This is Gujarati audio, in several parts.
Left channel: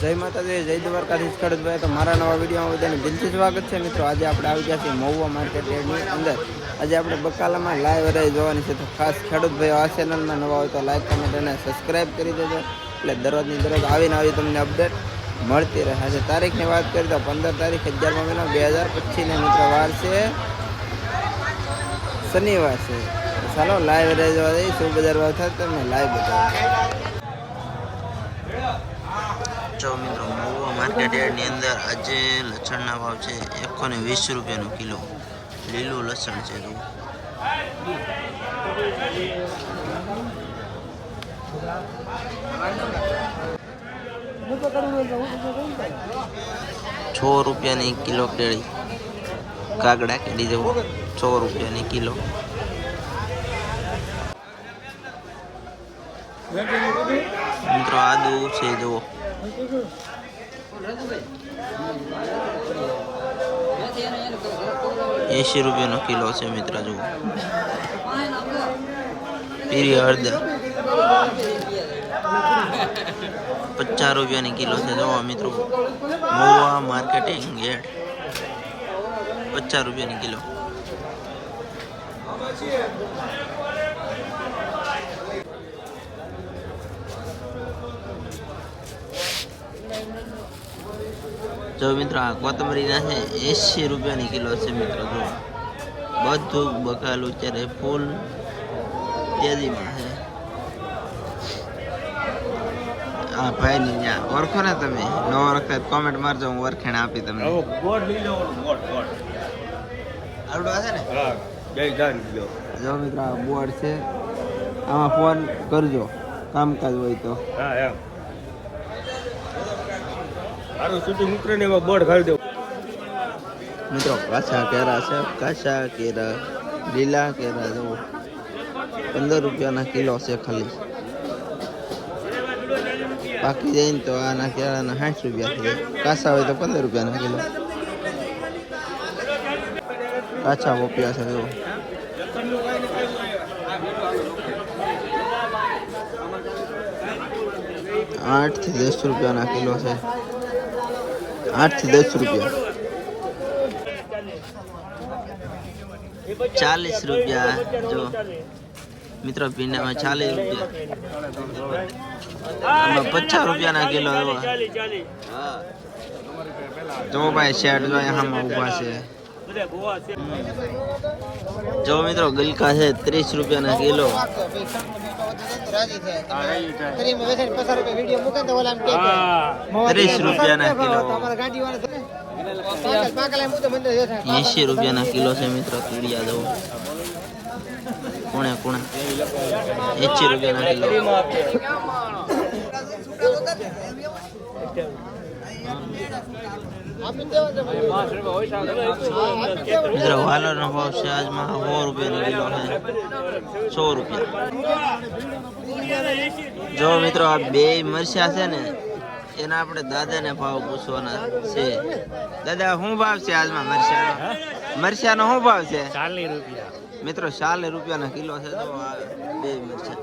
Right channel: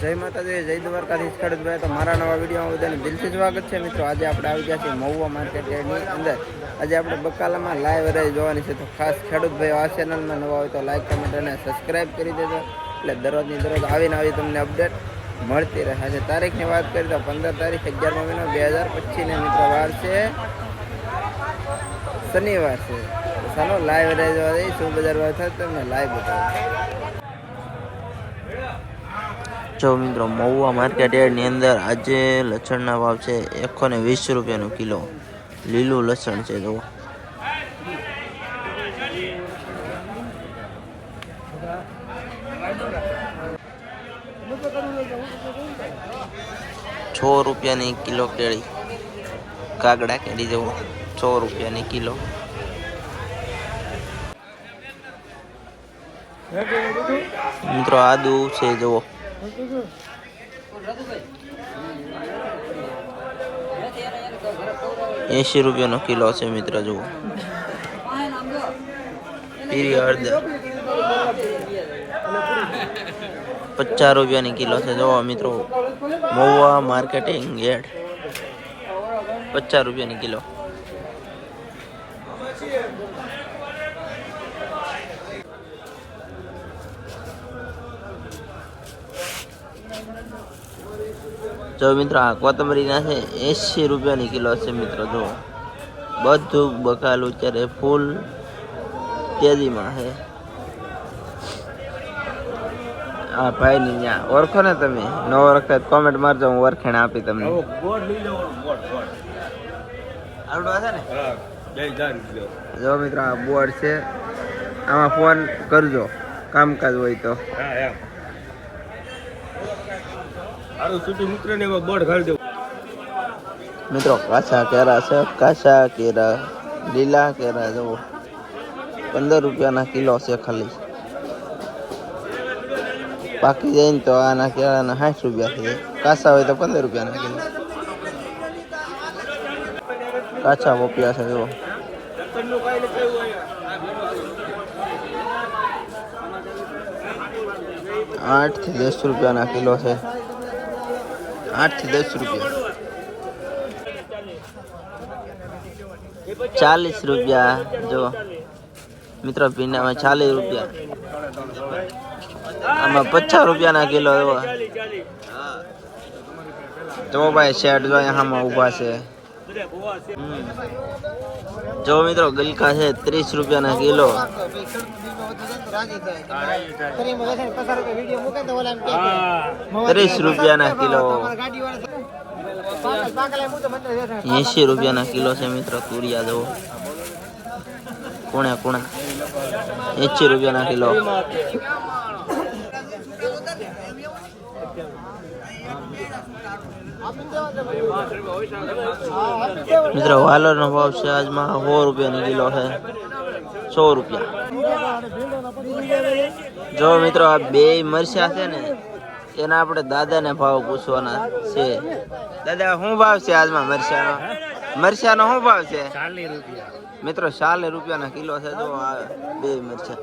જય માતાજી, જય દ્વારકાથી ખેડૂતભાઈ તો મારા નવા વિડીયોમાં બધાને દિલથી સ્વાગત છે. મિત્રો, આજે આપણે આવી ગયા છીએ મહુવા માર્કેટ અંદર. આજે આપણે બકાલામાં લાઈવ રહી જોવાની છે. તો ખાસ ખેડૂતભાઈ આ ચેનલમાં નવા હોય તો લાઈક કમેન્ટ અને સબસ્ક્રાઈબ કરી દેજો. એટલે દરરોજની દરરોજ આવીને આવી તમને અપડેટ મળતી રહે છે. તારીખની વાત કરીએ તો પંદર તારીખ અગિયારમો મહિનો બે હજાર પચીસને મિત્રો વાર છે. શનિવાર છે. તો ચાલો લાઈવ રહી જોવા જઈએ. શું બજાર ભાવ થાય તમને લાઈવ બતાવો. જો મિત્રો, મહુવા માર્કેટ યાર્ડની અંદર આજે લસણના ભાવ છે એકસો ને વીસ રૂપિયાનો કિલો. લીલું લસણ છે, જુઓ. છ રૂપિયાની કિલો કેળી કાગડા કેળી જુઓ. છ રૂપિયાની કિલો. મિત્રો, આદુ છે, જુઓ. એંશી રૂપિયાનો કિલો છે મિત્ર, જુઓ. પીરી હળદર. પચાસ રૂપિયાની કિલો છે જોવા મિત્રો. મહુવા માર્કેટિંગ યાર્ડ પચાસ રૂપિયાની કિલો. જો મિત્રો આ કોથમરીના છે એંશી રૂપિયાની કિલો છે મિત્રો જો. બધું બકાલું અત્યારે ફૂલ તેજીમાં છે. હા ભાઈ ની ત્યાં ઓળખો ને તમે? ન ઓળખતા કોમેન્ટ મારજો હું ઓળખેણ આપી તમને. જો મિત્રો આ બોર્ડ છે. આમાં ફોન કરજો કામકાજ હોય તો. હા મિત્ર ને એમાં બોર્ડ ઘાલી દેવું. મિત્રો, કાચા કેરા છે, કાચા કેરા, લીલા કેરા, જુઓ. પંદર રૂપિયાના કિલો છે ખાલી. પાકી જાય ને તો આના કેળાના સાઠ રૂપિયા થઈ જાય કાચા હોય તો પંદર રૂપિયાના કિલો. કાચા પોપિયા છે, જુઓ. આઠથી દસ રૂપિયાના કિલો છે. આઠથી દસ રૂપિયા. ચાલીસ રૂપિયા, જો. મિત્રો, ભીંડામાં ચાલીસ રૂપિયા. આમાં પચાસ રૂપિયાના કિલો એવો. જો ભાઈ શેઠ જો અહીંયામાં ઊભા છે. જો મિત્રો, ગલકા છે, ત્રીસ રૂપિયાના કિલો. ત્રીસ રૂપિયાના કિલો. એસી રૂપિયાના કિલો છે મિત્રો તુરિયા દો કોણે કોણે. એસી રૂપિયાના કિલો. મિત્રો વાલર નો ભાવ છે આજમાં સો રૂપિયાની કિલો છે. સો રૂપિયા. જો મિત્રો આ બે મરચા છે ને એના આપણે દાદાને ભાવ પૂછવાના છે. દાદા શું ભાવ છે આજમાં મરચાનો? મરચાનો શું ભાવ છે? ચાલીસ રૂપિયા. મિત્રો ચાલીસ રૂપિયાના કિલો છે તો આ બે મરચા.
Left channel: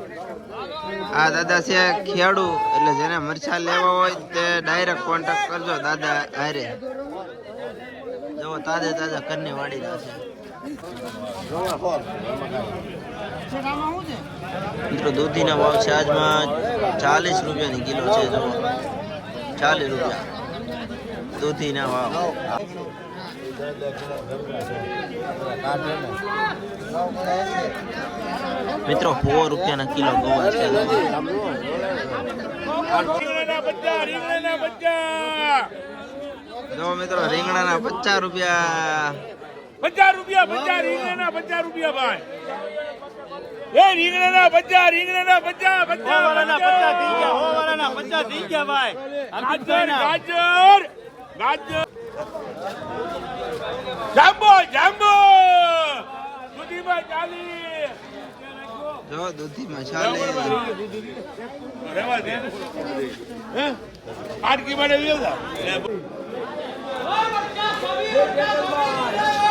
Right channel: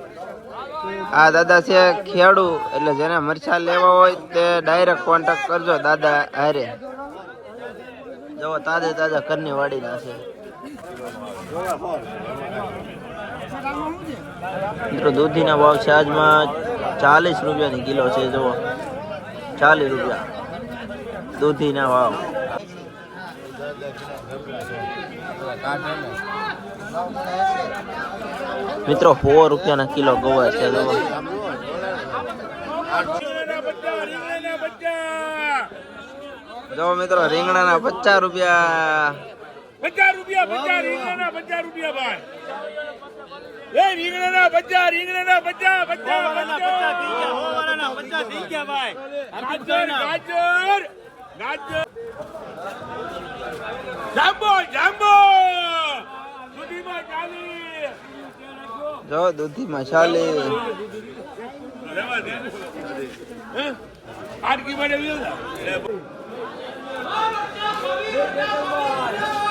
આ દાદા છે ખેડૂ એટલે જેને મરચા લેવા હોય તે ડાયરેક્ટ કોન્ટેક્ટ કરજો દાદા હારે. જો તાજે તાજા કરની વાડીના છે. મિત્રો, દૂધીના ભાવ છે આજમાં ચાલીસ રૂપિયાની કિલો છે, જુઓ. ચાલીસ રૂપિયા. દૂધીના ભાવ. મિત્રો, સો રૂપિયાના કિલો ગોવા છે, જુઓ. જો મિત્રો રીંગણાના પચાસ રૂપિયા. પચાસ રૂપિયા પચાસ રીંગણાના પચાસ રૂપિયા ભાઈ. એ રીંગણાના પચાસ રીંગણાના પચાસ પચાસ ગાજર ગાજર ગાજર. જાંબો જાંબો. દૂધીમાં ચાલી. જો દૂધીમાં ચાલીસ રહેવા દે. હે? આટકી માટે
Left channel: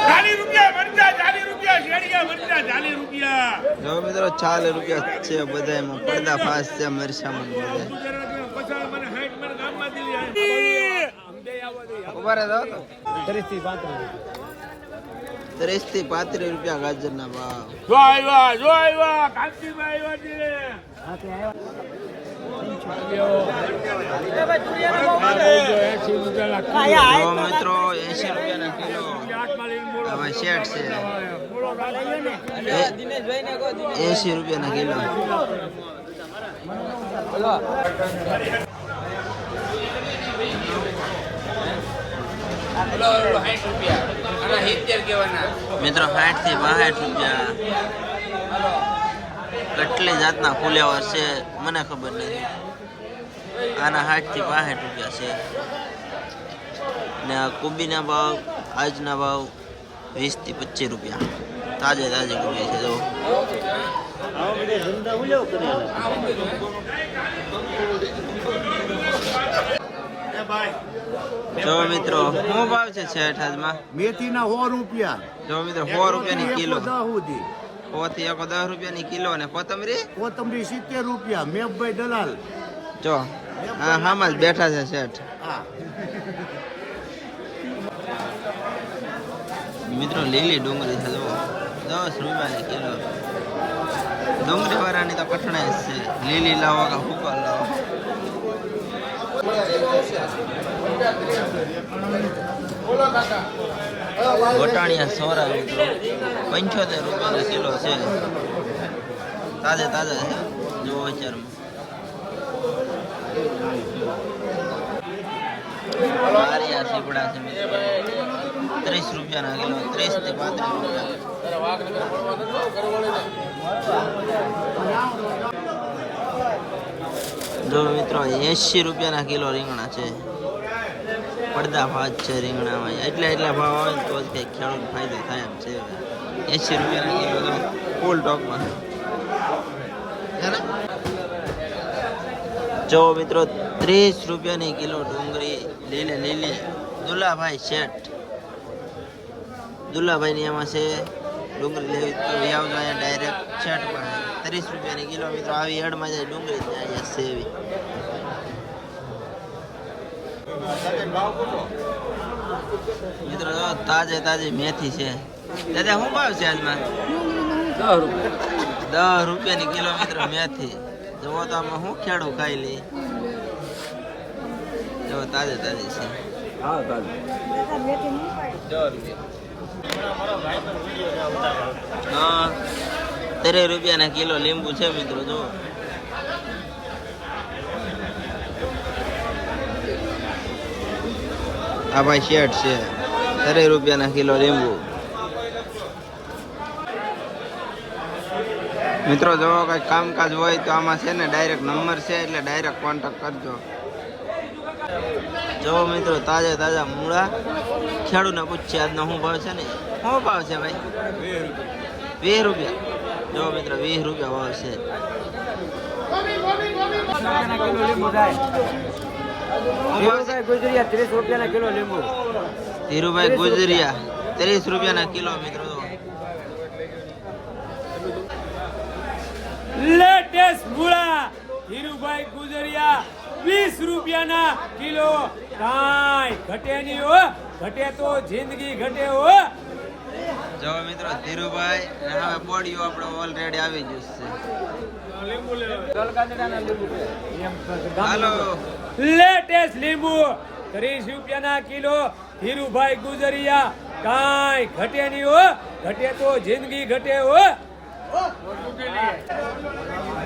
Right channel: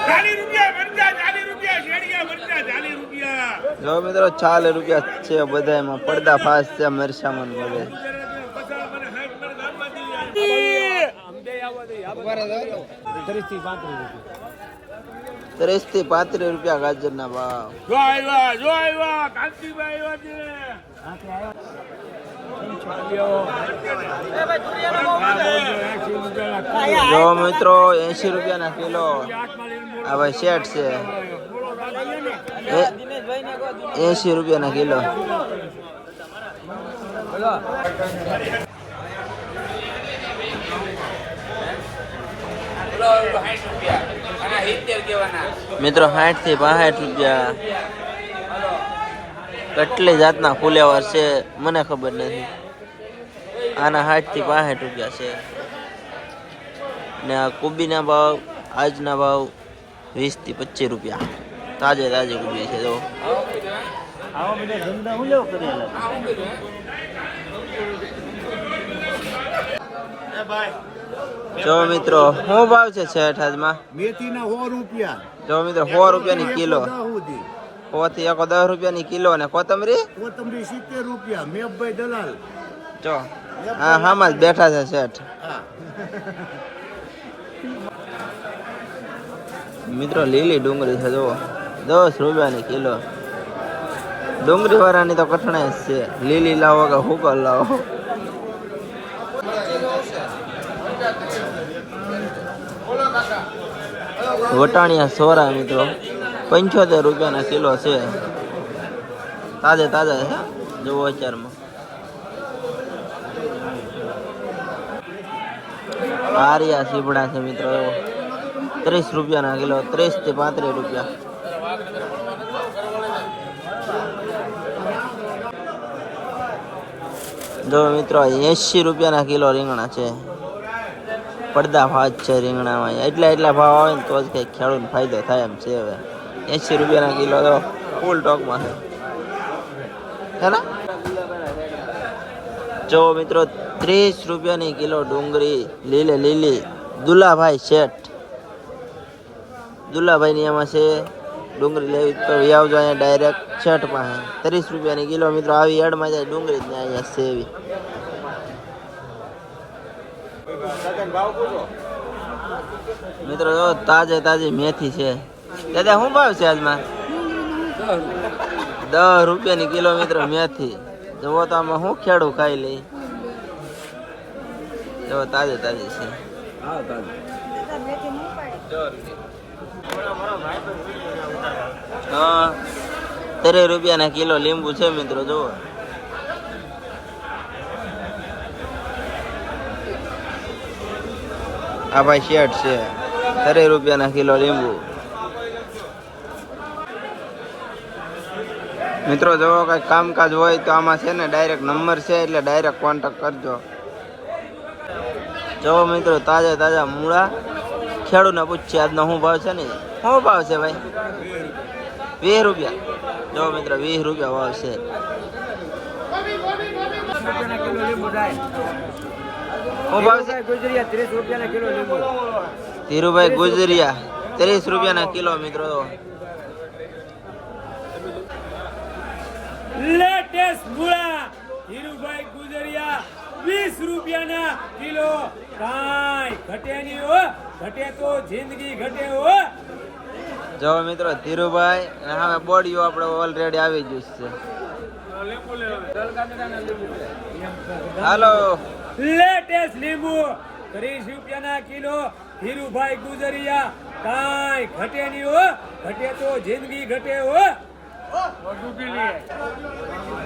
ચાલીસ રૂપિયા મરચા રૂપિયા શેરડીયા મરચા ચાલીસ રૂપિયા. જો મિત્રો ચાલીસ રૂપિયા છે બધા એમાં પડદા ફાસ છે મરચામાં બધે. ત્રીસથી પાંત્રીસ રૂપિયા ગાજર ના ભાવ. જો આવ્યા જો આવ્યા કાંતિભાઈ આવ્યા જો મિત્રો એસી રૂપિયાના કિલો આ ભાઈ શેઠ છે. એસી રૂપિયાના કિલો. મિત્રો સાઠથી બાસઠ રૂપિયા. કેટલી જાતના ફુલેવર છે મને ખબર નથી. આના સાઠથી બાસઠ રૂપિયા છે. અને આ કોબીના ભાવ આજના ભાવ વીસથી પચીસ રૂપિયા. તાજે તાજે કોબી છે તો જો મિત્રો શું ભાવ છે શેઠ આજમાં? મેથી ના સો રૂપિયા. જો મિત્રો સો રૂપિયાની કિલો. એકસો દસ સુધી. સો થી એકો દસ રૂપિયાની કિલો અને કોથમરી? કોથમરી સિત્તેર રૂપિયા. મેઘભાઈ દલાલ. જો. હા હામાં જ બેઠા છે શેઠ. મિત્રો, લીલી ડુંગળી છે, જુઓ. દસ રૂપિયાની કિલો. ડુંગળી વાળાની તો કઠણાઈ જ છે. લીલી લાવો કે હુકલ લાવો? વટાણિયા સોરા, મિત્રો. પંચોતેર રૂપિયાના કિલો છે. તાજે તાજા છે, જુઓ અત્યારમાં. આરિયા સીપડા છે મિત્રો. ત્રીસ રૂપિયાના કિલો, ત્રીસથી પાંત્રીસ રૂપિયા. જો મિત્રો એસી રૂપિયાના કિલો રીંગણા છે. પડદા ભાવ છે રીંગણામાં. એટલા એટલા ભાવ આવે ને તો જ કંઈક ખેડૂતને ફાયદો થાય એમ છે હવે. એસી રૂપિયાના કિલો તો ફૂલ ટોકમાં. છે જો મિત્રો ત્રીસ રૂપિયાની કિલો ડુંગળી, લીલે લીલી, દુલાભાઈ શેઠ. દુલાભાઈની એમાં છે, ડુંગળી લેવી તો આવજો અહીંયા ડાયરેક્ટ શેઠ પાસે ત્રીસ રૂપિયાની કિલો મિત્રો આવી એડમાં જાય, ડુંગળી જ અહીંયા સેવી. મિત્રો જો, તાજે તાજી મેથી છે. દાદા, શું ભાવ છે આજમાં દસ રૂપિયાની કિલો મેથી. જુઓ તો આમાં શું ખેડું ખાઈ લે. જો તાજે તાજી છે. હા ત્રીસ રૂપિયાના કિલો લીંબુ છે મિત્રો જુઓ. આ ભાઈ શેઠ છે. ત્રીસ રૂપિયાના કિલો લીંબુ. મિત્રો જો કઈ કામકાજ હોય તો આમાં છે ને ડાયરેક્ટ નંબર છે એટલે ડાયરેક્ટ કોન્ટેક્ટ કરજો. જો મિત્રો, તાજા તાજા મૂળા. ખેડૂતને પૂછીએ, આજનો શું ભાવ છે ને? શું ભાવ છે ભાઈ? વીસ રૂપિયા. જો મિત્રો, વીસ રૂપિયા ભાવ છે. ધીરુભાઈ ગુજરિયા, ત્રીસ રૂપિયા ના કિલો મિત્રો. તો લેટેસ્ટ મૂળા, ધીરુભાઈ ગુજરિયા, વીસ રૂપિયાના કિલો. કાંઈ ઘટે નહીં હો. ઘટે તો જિંદગી ઘટે હો. જો મિત્રો ધીરુભાઈ અને હવે બોડીઓ આપણે ઓલરેડી આવી ગયું છે. હાલો. લેટેસ્ટ લીંબુ. ત્રીસ રૂપિયાના કિલો. ધીરુભાઈ ગુજરિયા. કાંઈ ઘટે નહીં હો. ઘટે તો જિંદગી ઘટે હો.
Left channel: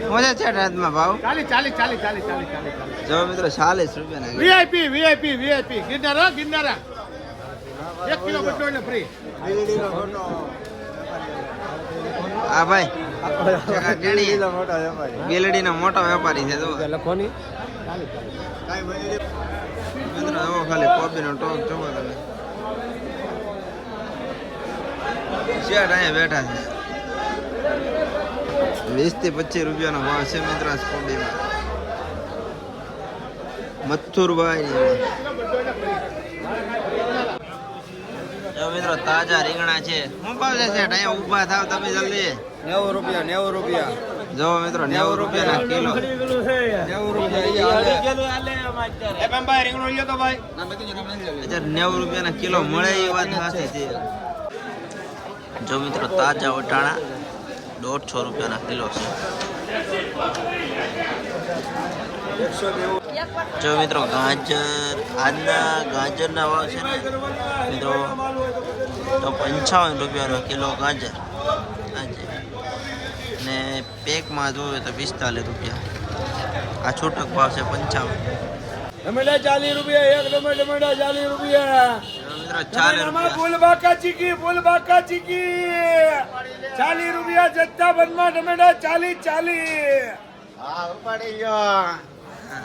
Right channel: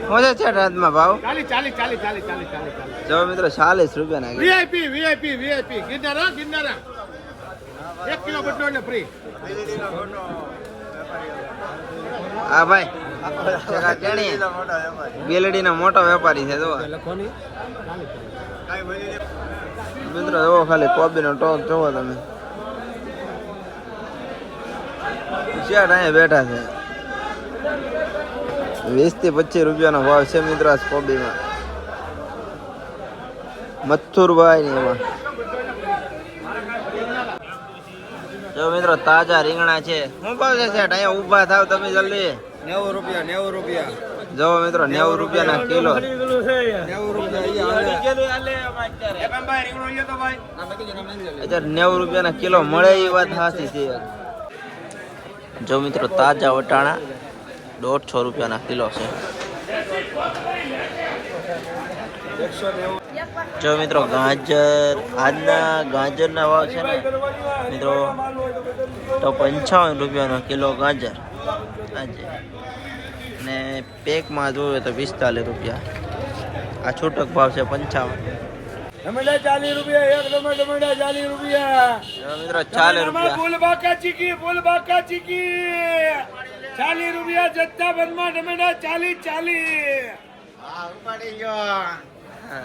શું છે રાતમાં ભાવ? ચાલી ચાલી ચાલી ચાલી ચાલી ચાલી ચાલી. જો મિત્રો ચાલીસ રૂપિયા ના વીઆઈપી વીઆઈપી વીઆઈપી ગિરનારા ગિરનારા. એક કિલો બદલો ને ફ્રી હા ભાઈ. એક નો મોટો વેપારી છે જો મિત્રો જોવો ખાલી કોબીનો ટોક જોવો તમે. શેઠ અહીંયા બેઠા છે. વીસથી પચીસ રૂપિયાનો ભાવ છે મિત્રો આ કોબીમાં મથુરભાઈ ને એમાં. જો મિત્રો તાજા રીંગણા છે. શું ભાવ છે શેઠ? અહીંયા ઊભા થાવ તમે જલ્દી. નેવું રૂપિયા નેવું રૂપિયા. જો મિત્રો નેવું રૂપિયા ના કિલો અત્યારે નેવું રૂપિયાના કિલો મળે એ વાત સાચી છે. જો મિત્રો તાજા વટાણા દોઢસો રૂપિયાના કિલો છે. જો મિત્રો ગાજર આજના ગાજરના ભાવ છે ને મિત્રો તો પંચાવન રૂપિયાનો કિલો ગાજર. આજે. ને પેકમાં જોવે તો પિસ્તાલીસ રૂપિયા. આ છૂટક ભાવ છે પંચાવન. મિત્રો ચાલીસ રૂપિયા. ચાલીસ રૂપિયા જથ્થાબંધમાં ટમેટા ચાલીસ ચાલીસ હા.